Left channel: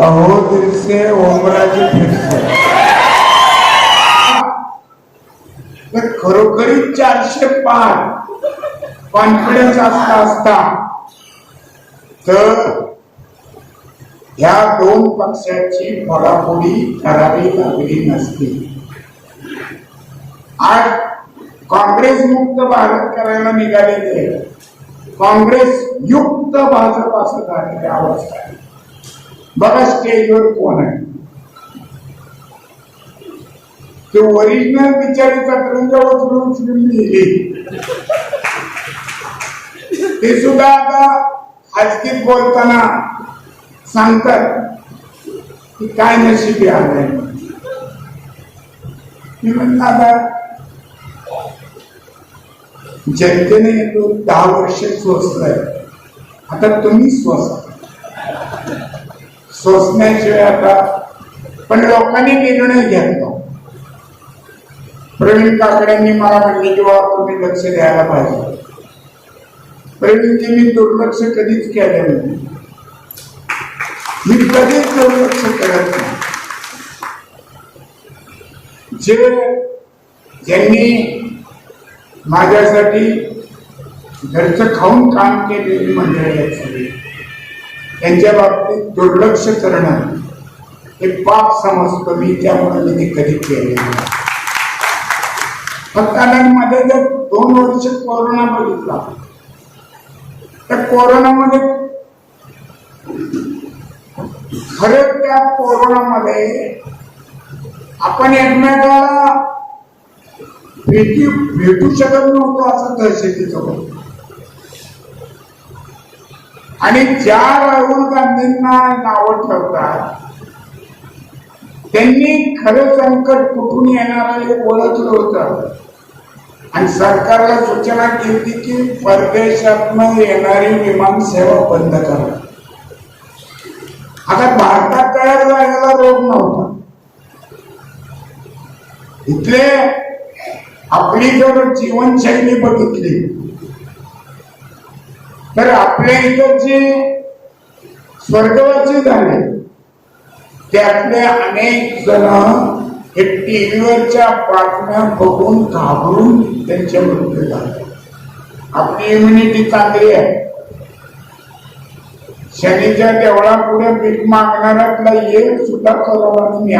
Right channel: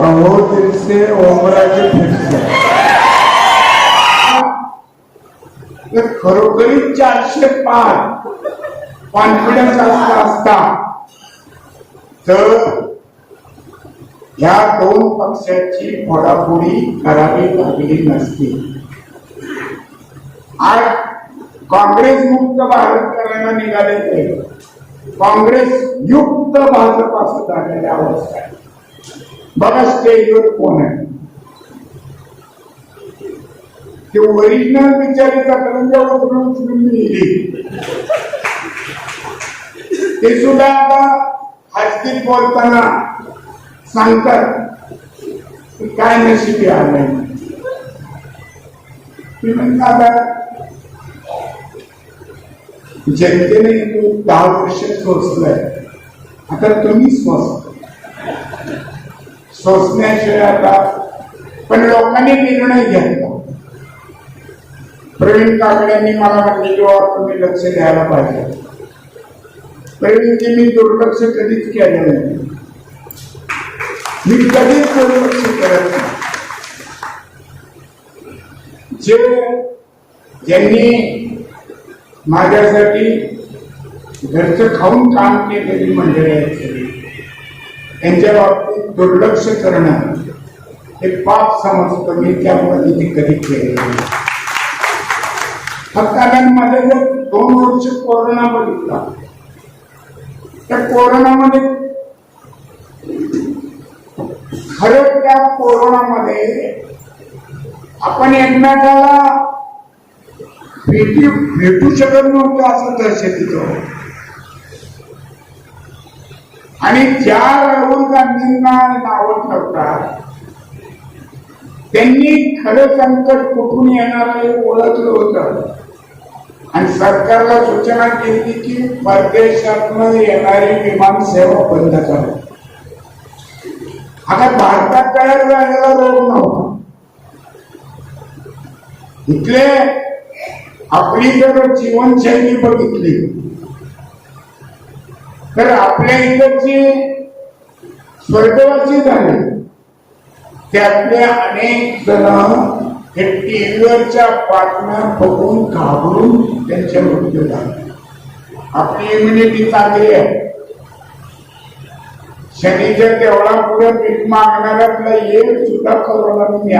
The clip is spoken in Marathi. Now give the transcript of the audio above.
फिरसे ओमराजे फिरसे तर खरोखरी चारशे पाच कॉन्फिडन्स असता असता तर ह्या दोन पक्षाची फोडाफोडी करावी लागली नसती. आज काँग्रेस मुक्त भारत करायला निघाले ते काँग्रेस युक्त भाजप असं झालेली अवस्था आहे बरस के योग कौन है? जो ओरिजिनल पिक्चर का तरंगा उसमें उसमें मिली। ಯೇಸುದಾಗ ಹಸ್ತಿಗೆ ಬೋಲ್ತಾನ ಸಂಕರ್ काय नशिबी आहे मी म्हणता जनतेने दहा वर्ष स्वस्थ आहे आता तुम्ही स्वस्थ सोसण्याशिवाय आता पण लोकांनी निर्णय घेतला प्रवीण काकड्यांनी मला म्हणले की बाबा तुम्ही लक्ष द्यायला पाहिजे प्रवीणचे मी दुर्लक्ष कधीच केलं नाही मी कधीच दुर्लक्ष करत नाही जे ज्यांनी माझ्यासाठी घरचं खाऊन काम केलेली मंडळी आहेत यांच्या बाबतीत दुर्लक्ष करणं हे पाप समजतो मी त्यामुळे मी ते कधी केले नाही. फक्त मध्ये जर दोन वर्ष कोरोना बघितला त्या कोरोनामध्ये खर त्या कोरोनामध्ये आपण एकमेकाला भेटी भेटू शकत नव्हतो असं दहशतीचं होतं. आणि ज्या राहुल गांधींना नावं ठेवतात. त्यांनी खरं संकट कुठून येणार आहे ओळखलं होतं. आणि सरकारला सूचना केली की परदेशातनं येणारी विमान सेवा बंद करा. आता भारतात तयार झालेला रोग नव्हता. इथले आपली जर जीवनशैली बघितली. तर आपल्या इकडचे स्वर्गवासी झाले. त्यातले अनेक जण हे टीव्हीवरच्या बातम्या बघून घाबरून त्यांचे मृत्यू झाले. आपली इम्युनिटी चांगली आहे. शनीच्या देवळापुढे भीक मागणाऱ्यातला एक सुद्धा करोना मी